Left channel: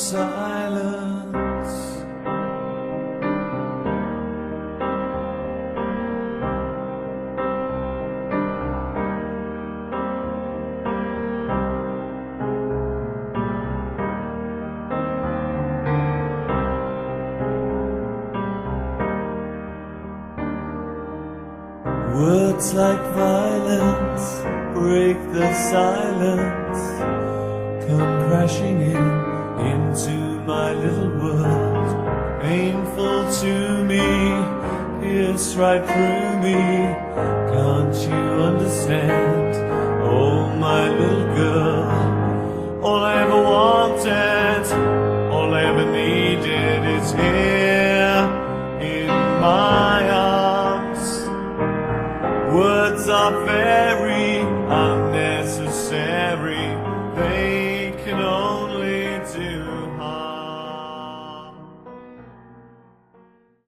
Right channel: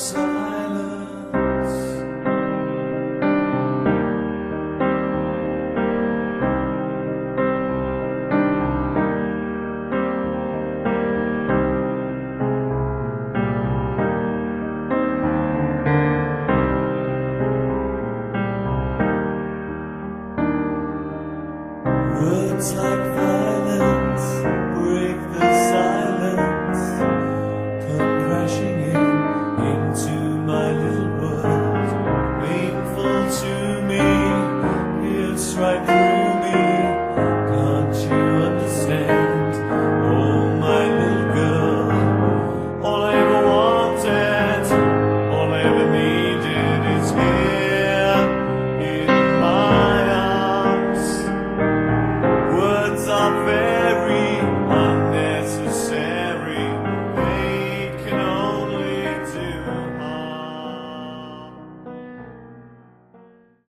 silence. Words like violence break the silence, come crashing into my little world. Painful to me, pierce right through me. Can't you understand? Oh, my little girl, all I ever wanted, all I ever needed is here in my arms. Words are